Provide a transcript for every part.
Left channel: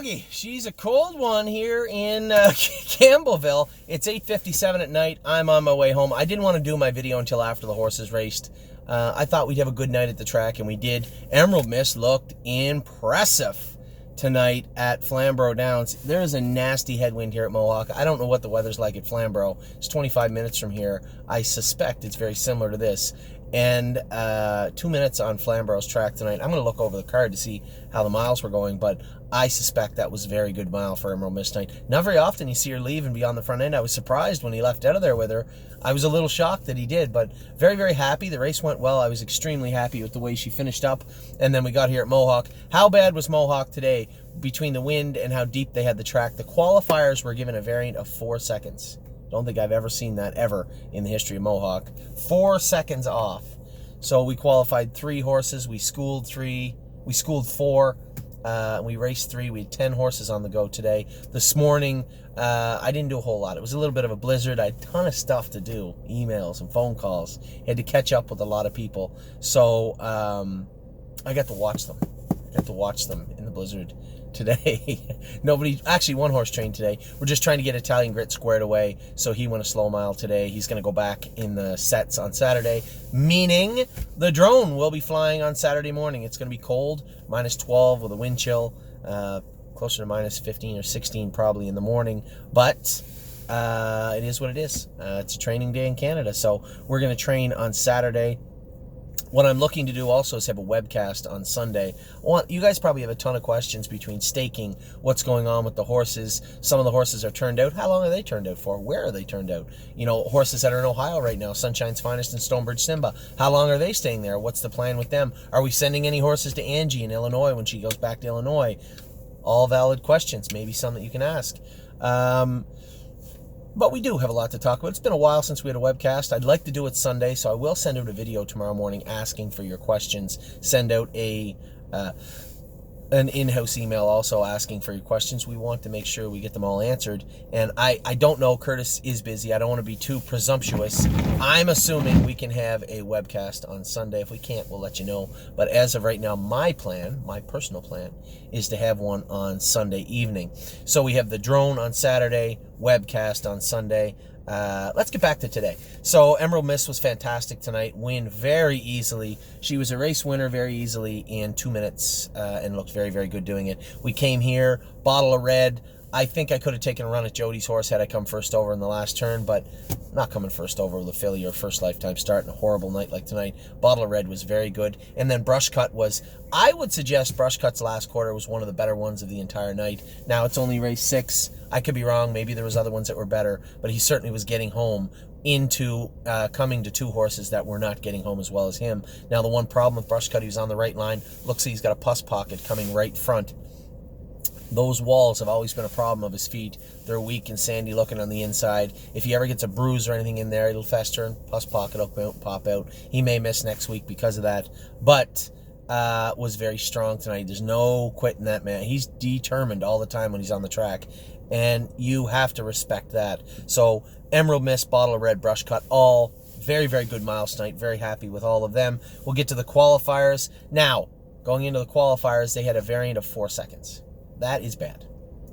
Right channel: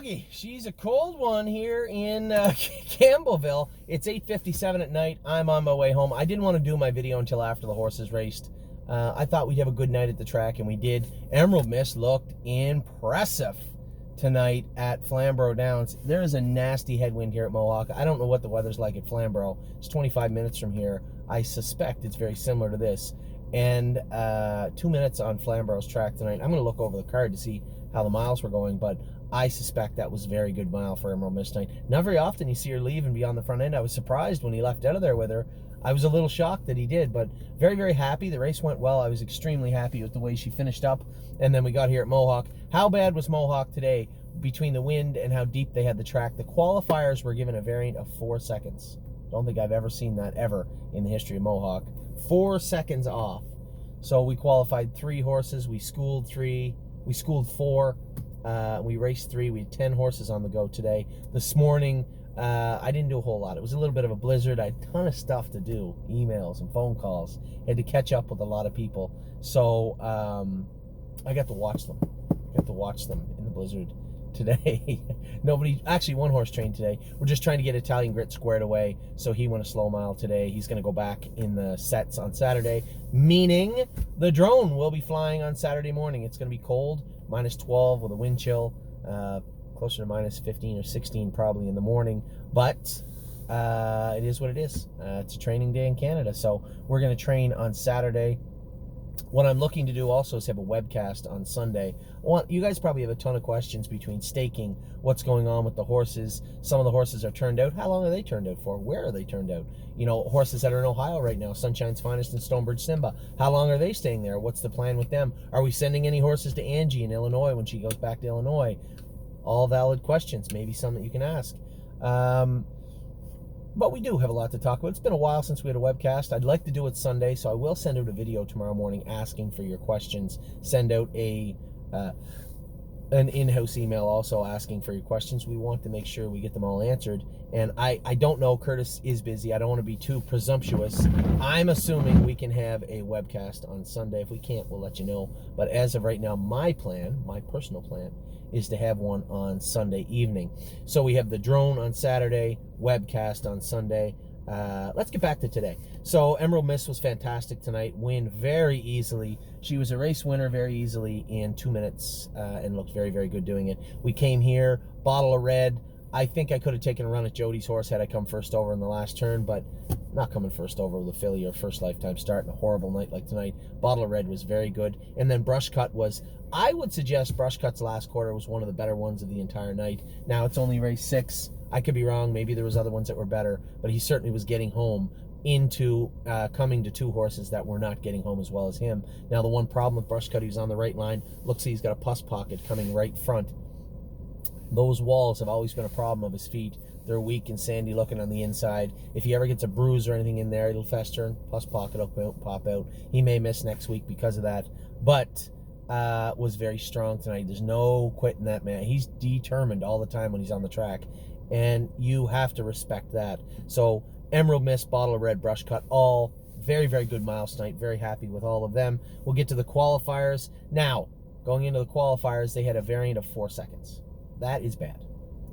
doggy. She's a cold one here in Campbellville. It's 8:57 at night. I'm on my way home. I didn't want to do my video until after the horses raced. I thought we'd have a good night at the track, and we did. Emerald Mist looked impressive tonight at Flamborough Downs. There is a nasty headwind here at Mohawk. I don't know what the weather's like at Flamborough. It's 25 minutes from here. I suspect it's very similar to this. And 2 minutes on Flamborough's track tonight. I'm going to look over the card to see how the miles were going, but I suspect that was a very good mile for Emerald Mist tonight. Not very often you see her leave and be on the front end. I was surprised when he left out of there with her. I was a little shocked that he did, but very, very happy. The race went well. I was extremely happy with the way she finished up. And then we got here at Mohawk. How bad was Mohawk today between the wind and how deep they had the track? The qualifiers were given a variant of 4 seconds. Don't think I've ever seen that ever in the history of Mohawk. 4 seconds off. So we qualified 3 horses. We schooled 3. We schooled 4. We raced 3. We had 10 horses on the go today. This morning, I didn't do a whole lot. It was a little bit of a blizzard. I had a ton of stuff to do, emails and phone calls. Had to catch up with a lot of people. So I got to watch them. In the blizzard today. Actually, one horse trained today. We're just trying to get Italian Grit squared away, so he went a slow mile today. He's going to go back in the sets on Saturday, meaning the drone will be flying on Saturday morning. It's going to be cold, -12 with a wind chill, closer to -15 or 16 probably in the morning, but it is what it is. It's a training day in Canada, so we're going to train on Saturday. What I'm looking to do also is have a webcast on Sunday. You guys probably have a ton of questions between staking, what's going on with the horses. Some of the horses are turned out. How long are they turned out for? Where are they turned out? You know, horses that are in Ohio right now, Sunshine's Finest and Stonebridge Simba. How long are they staying there? What's the plan with them? Are we sending any horses to Angie in Illinois when she goes back to Illinois? All valid questions, maybe some that you can ask. But we do have a lot to talk about. It's been a while since we had a webcast. I'd like to do it Sunday, so I will send out a video tomorrow morning asking for your questions. Send out an in-house email also asking for your questions. We want to make sure we get them all answered. And I don't know, Curtis is busy. I don't want to be too presumptuous. I'm assuming we can have a webcast on Sunday. If we can't, we'll let you know. But as of right now, my personal plan, is to have one on Sunday evening. So we have the drone on Saturday, webcast on Sunday. Let's get back to today. So Emerald Mist was fantastic tonight. Win very easily. She was a race winner very easily in 2 minutes and looked very, very good doing it. We came here, bottle of red. I think I could have taken a run at Jody's horse had I come first over in the last turn, but not coming first over with a filly or first lifetime start in a horrible night like tonight. Bottle of red was very good. And then Brush Cut was, I would suggest Brush Cut's last quarter was one of the better ones of the entire night. Now it's only race 6. I could be wrong. Maybe there was other ones that were better, but he certainly was getting home into coming to 2 horses that were not getting home as well as him. Now the one problem with Brush Cut, he was on the right line. Looks like he's got a pus pocket coming right front. Those walls have always been a problem of his feet. They're weak and sandy looking on the inside. If he ever gets a bruise or anything in there, it'll fester and pus pocket will pop out. He may miss next week because of that, but was very strong tonight. There's no quitting that man. He's determined all the time when he's on the track, and you have to respect that. So Emerald Mist, Bottle of Red, Brush Cut, all very, very good miles tonight. Very happy with all of them. We'll get to the qualifiers. Now, going into the qualifiers, they had a variant of 4 seconds. That is bad.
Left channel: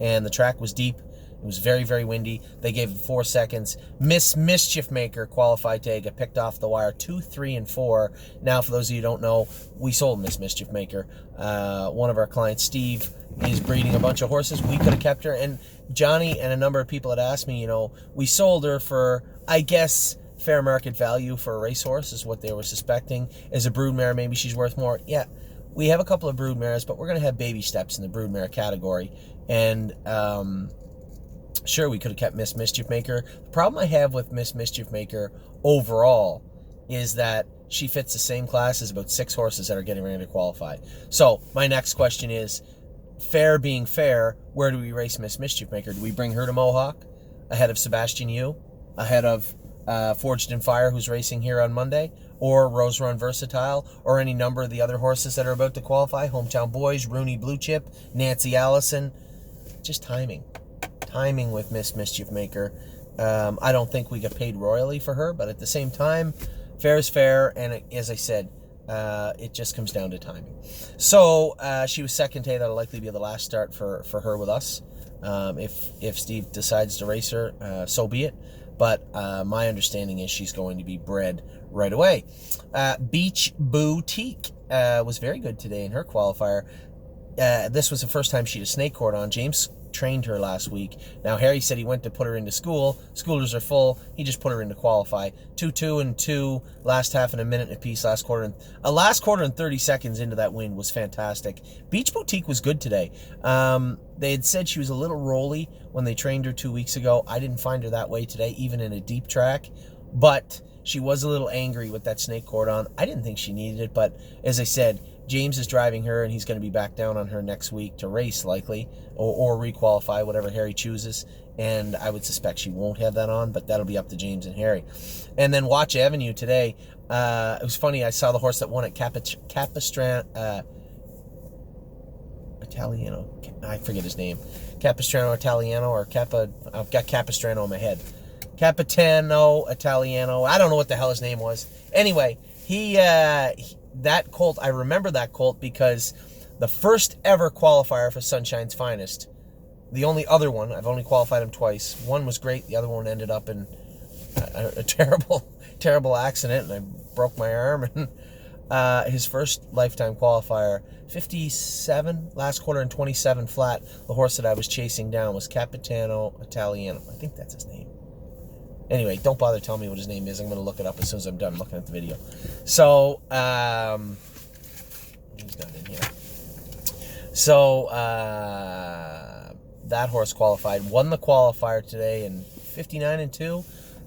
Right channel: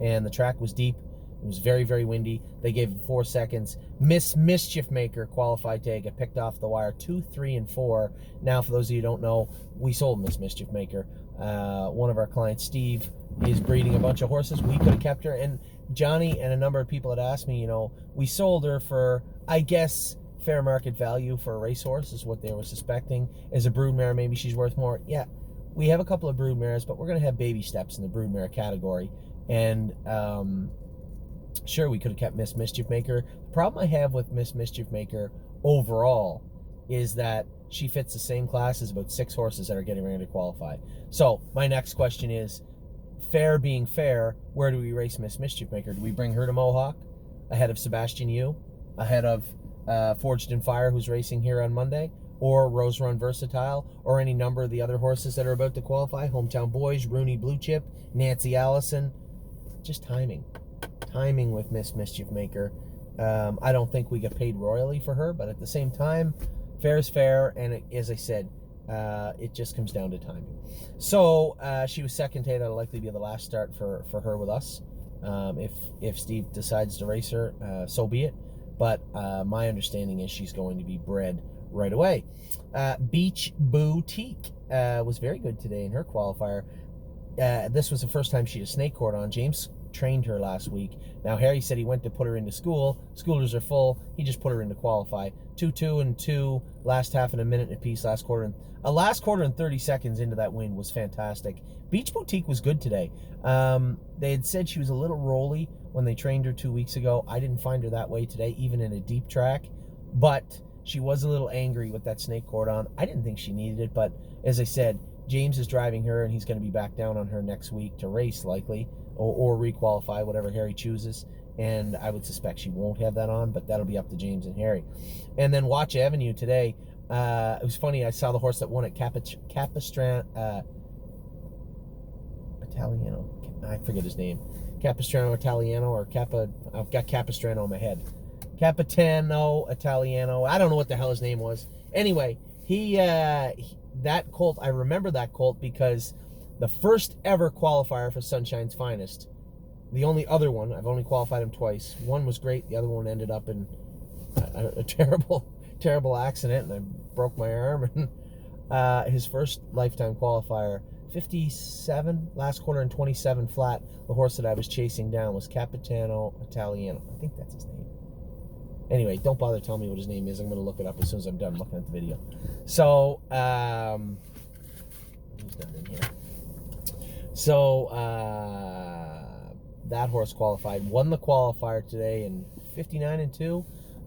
And the track was deep. It was very, very windy. They gave it 4 seconds. Miss Mischief Maker qualified today, got picked off the wire 2, 3, and 4. Now, for those of you who don't know, we sold Miss Mischief Maker. One of our clients, Steve, is breeding a bunch of horses. We could have kept her. And Johnny and a number of people had asked me, you know, we sold her for, I guess, fair market value for a racehorse is what they were suspecting. As a broodmare, maybe she's worth more. Yeah. We have a couple of broodmares, but we're going to have baby steps in the broodmare category. And sure, we could have kept Miss Mischief Maker. The problem I have with Miss Mischief Maker overall is that she fits the same class as about 6 horses that are getting ready to qualify. So my next question is, fair being fair, where do we race Miss Mischief Maker? Do we bring her to Mohawk ahead of Sebastian Yu, ahead of Forged in Fire, who's racing here on Monday, or Rose Run Versatile, or any number of the other horses that are about to qualify? Hometown Boys, Rooney Blue Chip, Nancy Allison. Just timing with Miss Mischief Maker. I don't think we get paid royally for her, but at the same time, fair is fair. And as I said, It just comes down to timing. So she was second today. That'll likely be the last start for her with us. If Steve decides to race her, so be it. But my understanding is she's going to be bred right away. Beach Boutique was very good today in her qualifier. This was the first time she had a snake cord on. James trained her last week. Now Harry said he went to put her into school. Schoolers are full. He just put her in to qualify. 2-2 and 2 last half and a minute and a piece last quarter. Last quarter and 30 seconds into that win was fantastic. Beach Boutique was good today. They had said she was a little rolly when they trained her 2 weeks ago. I didn't find her that way today, even in a deep track. But she was a little angry with that snake cord on. I didn't think she needed it, but as I said, James is driving her, and he's going to be back down on her next week to race, likely, or requalify, whatever Harry chooses. And I would suspect she won't have that on, but that'll be up to James and Harry. And then Watch Avenue today. It was funny. I saw the horse that won at Capistrano Italiano. I forget his name. Capistrano Italiano or Kappa. I've got Capistrano in my head. Capitano Italiano. I don't know what the hell his name was. Anyway, that colt, I remember that colt because the first ever qualifier for Sunshine's Finest, the only other one, I've only qualified him twice. One was great. The other one ended up in a terrible accident, and I broke my arm. And his first lifetime qualifier, 57 last quarter and 27 flat. The horse that I was chasing down was Capitano Italiano. I think that's his name. Anyway, don't bother telling me what his name is. I'm going to look it up as soon as I'm done looking at the video. So, he's not in here. So, that horse qualified. Won the qualifier today in 59 and 2.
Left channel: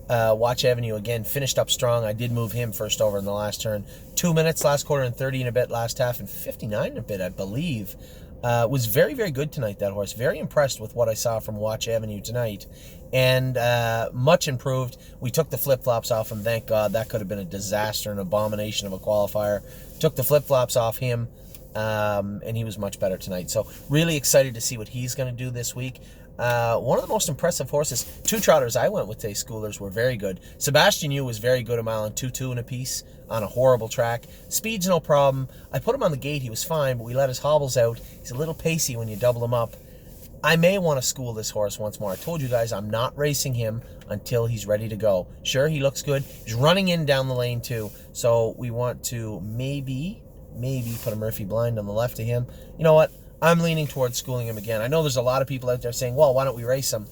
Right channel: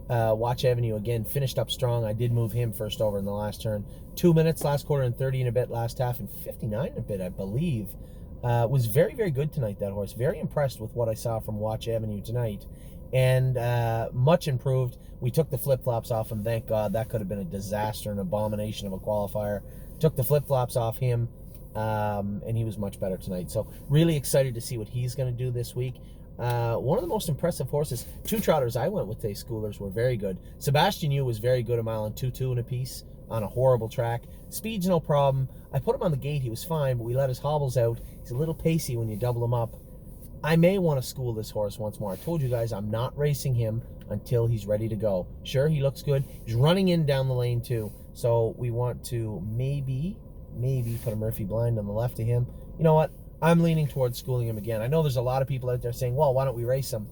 Watch Avenue, again, finished up strong. I did move him first over in the last turn. 2 minutes last quarter and 30 and a bit last half and 59 and a bit, I believe. Was very, very good tonight, that horse. Very impressed with what I saw from Watch Avenue tonight. And much improved. We took the flip-flops off him, thank God. That could have been a disaster, an abomination of a qualifier. Took the flip-flops off him, and he was much better tonight. So really excited to see what he's going to do this week. One of the most impressive horses, two trotters I went with today, schoolers, were very good. Sebastian Yu was very good, a mile and 2-2 and a piece on a horrible track. Speed's no problem. I put him on the gate. He was fine, but we let his hobbles out. He's a little pacey when you double him up. I may want to school this horse once more. I told you guys I'm not racing him until he's ready to go. Sure, he looks good. He's running in down the lane too. So we want to maybe put a Murphy blind on the left of him. You know what? I'm leaning towards schooling him again. I know there's a lot of people out there saying, well, why don't we race him?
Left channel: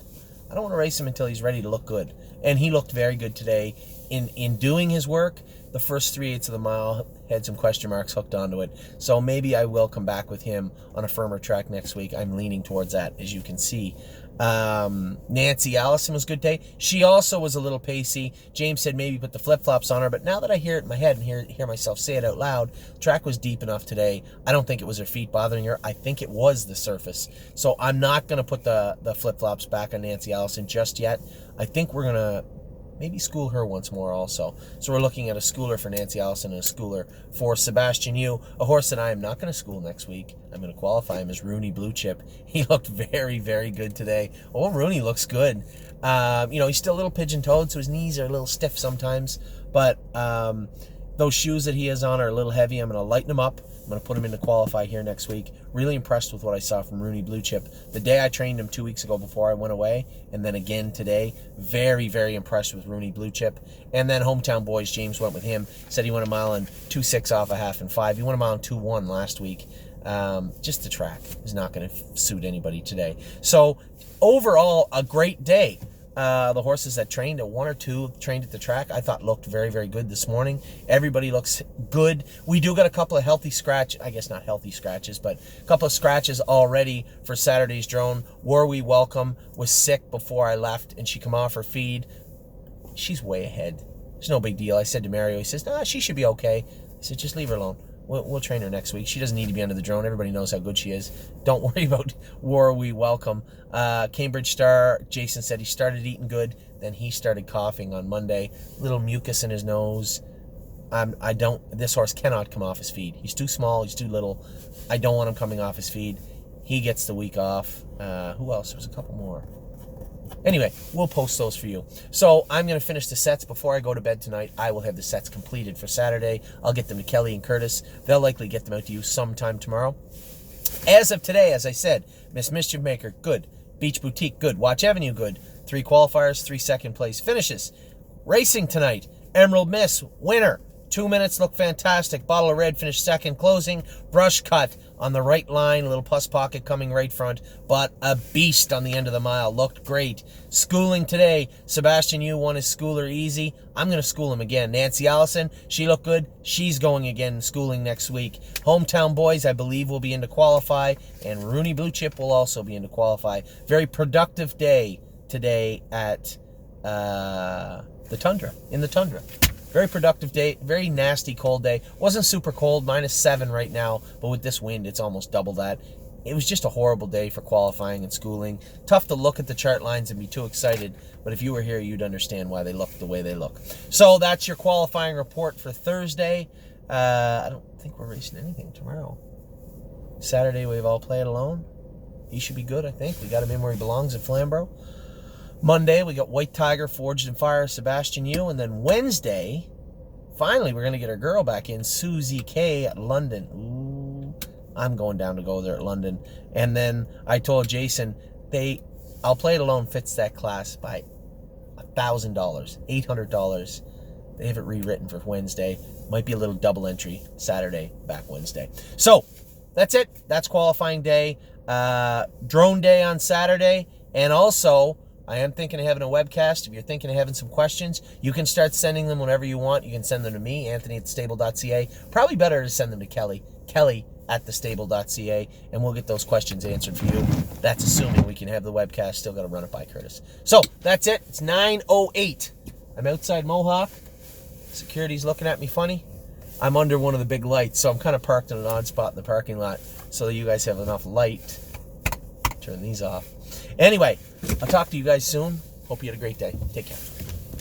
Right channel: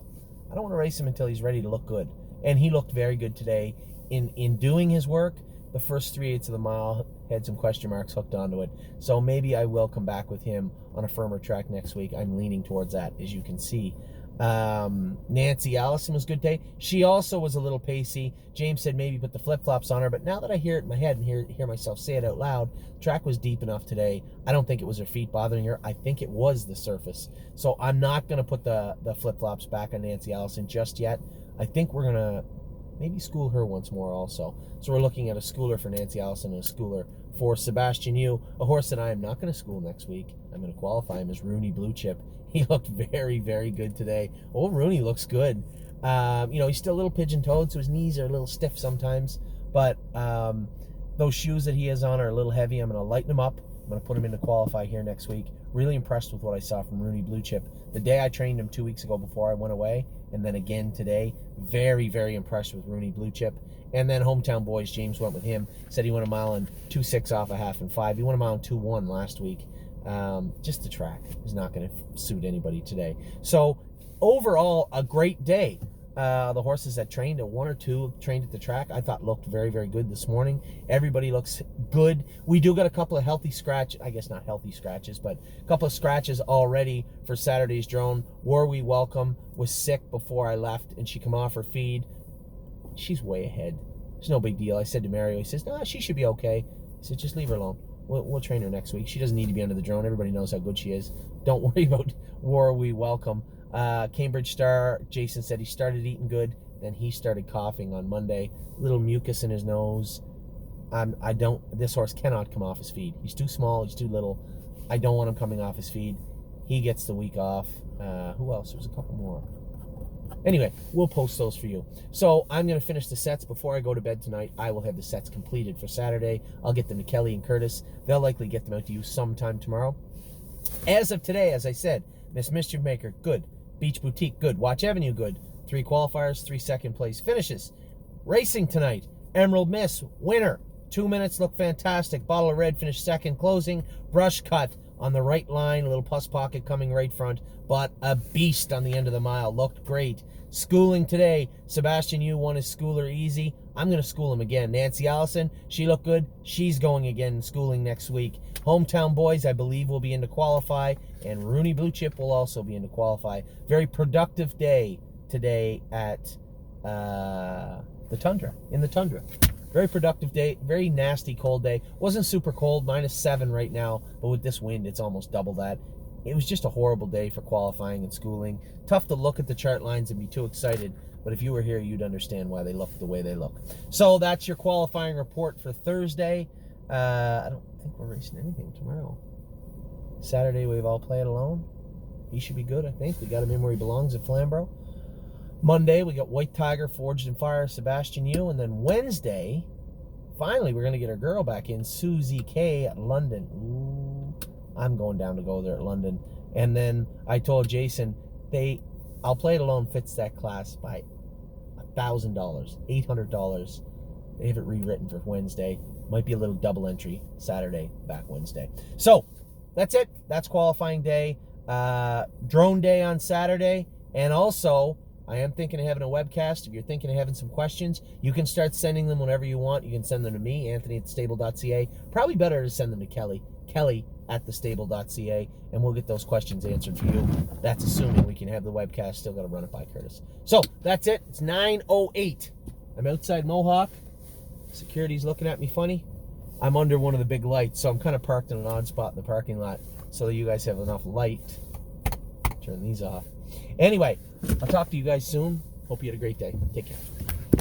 I don't want to race him until he's ready to look good. And he looked very good today in doing his work. The first 3/8 of the mile had some question marks hooked onto it. So maybe I will come back with him on a firmer track next week. I'm leaning towards that, as you can see. Nancy Allison was good today. She also was a little pacey. James said maybe put the flip-flops on her, but now that I hear it in my head and hear myself say it out loud, the track was deep enough today. I don't think it was her feet bothering her. I think it was the surface. So I'm not going to put the flip-flops back on Nancy Allison just yet. I think we're going to maybe school her once more also. So we're looking at a schooler for Nancy Allison and a schooler for Sebastian Yu, a horse that I am not going to school next week. I'm going to qualify him as Rooney Blue Chip. He looked very, very good today. Oh, Rooney looks good. He's still a little pigeon-toed, so his knees are a little stiff sometimes. But those shoes that he has on are a little heavy. I'm going to lighten them up. I'm going to put him in to qualify here next week. Really impressed with what I saw from Rooney Blue Chip. The day I trained him 2 weeks ago before I went away, and then again today, very, very impressed with Rooney Blue Chip. And then Hometown Boys, James went with him. Said he went a mile and 2.6 off a half and 5. He went a mile and 2.1 last week. Just the track is not going to suit anybody today. So overall, a great day. The horses that trained at 1 or 2 trained at the track, I thought looked very, very good this morning. Everybody looks good. We do got a couple of healthy I guess not healthy scratches, but a couple of scratches already for Saturday's drone. Were we welcome? Was sick before I left, and she come off her feed. She's way ahead. It's no big deal. I said to Mario, he says, nah, she should be okay. I said, just leave her alone. We'll train her next week. She doesn't need to be under the drone. Everybody knows how good she is. Don't worry about were we welcome. Cambridge Star, Jason said he started eating good. Then he started coughing on Monday. Little mucus in his nose. This horse cannot come off his feed. He's too small. He's too little. I don't want him coming off his feed. He gets the week off. Who else? There's a couple more. Anyway, we'll post those for you. So I'm going to finish the sets before I go to bed tonight. I will have the sets completed for Saturday. I'll get them to Kelly and Curtis. They'll likely get them out to you sometime tomorrow. As of today, as I said, Miss Mischief Maker, good. Beach Boutique, good. Watch Avenue, good. 3 qualifiers, 3 second place finishes. Racing tonight, Emerald Miss, winner. 2 minutes, look fantastic. Bottle of Red finished second. Closing, Brush Cut on the right line. A little pus pocket coming right front, but a beast on the end of the mile. Looked great. Schooling today, Sebastian Yu won his schooler easy. I'm going to school him again. Nancy Allison, she looked good. She's going again in schooling next week. Hometown Boys, I believe, will be in to qualify, and Rooney Blue Chip will also be in to qualify. Very productive day today at the Tundra, in the Tundra. Very productive day, very nasty cold day. Wasn't super cold, -7 right now, but with this wind, it's almost double that. It was just a horrible day for qualifying and schooling. Tough to look at the chart lines and be too excited, but if you were here, you'd understand why they look the way they look. So that's your qualifying report for Thursday. I don't think we're racing anything tomorrow. Saturday, we've all played alone. He should be good, I think. We got him in where he belongs at Flamborough. Monday, we got White Tiger, Forged in Fire, Sebastian Yu. And then Wednesday, finally, we're going to get our girl back in, Susie K at London. Ooh, I'm going down to go there at London. And then I told Jason, I'll Play It Alone fits that class by $1,000, $800. They have it rewritten for Wednesday. Might be a little double entry Saturday, back Wednesday. So that's it. That's qualifying day. Drone day on Saturday. And also, I am thinking of having a webcast. If you're thinking of having some questions, you can start sending them whenever you want. You can send them to me, Anthony@thestable.ca. Probably better to send them to Kelly, Kelly@thestable.ca, and we'll get those questions answered for you. That's assuming we can have the webcast. Still got to run it by Curtis. So that's it. It's 9:08. I'm outside Mohawk. Security's looking at me funny. I'm under one of the big lights, so I'm kind of parked in an odd spot in the parking lot so that you guys have enough light. Turn these off. Anyway, I'll talk to you guys soon. Hope you had a great day. Take care.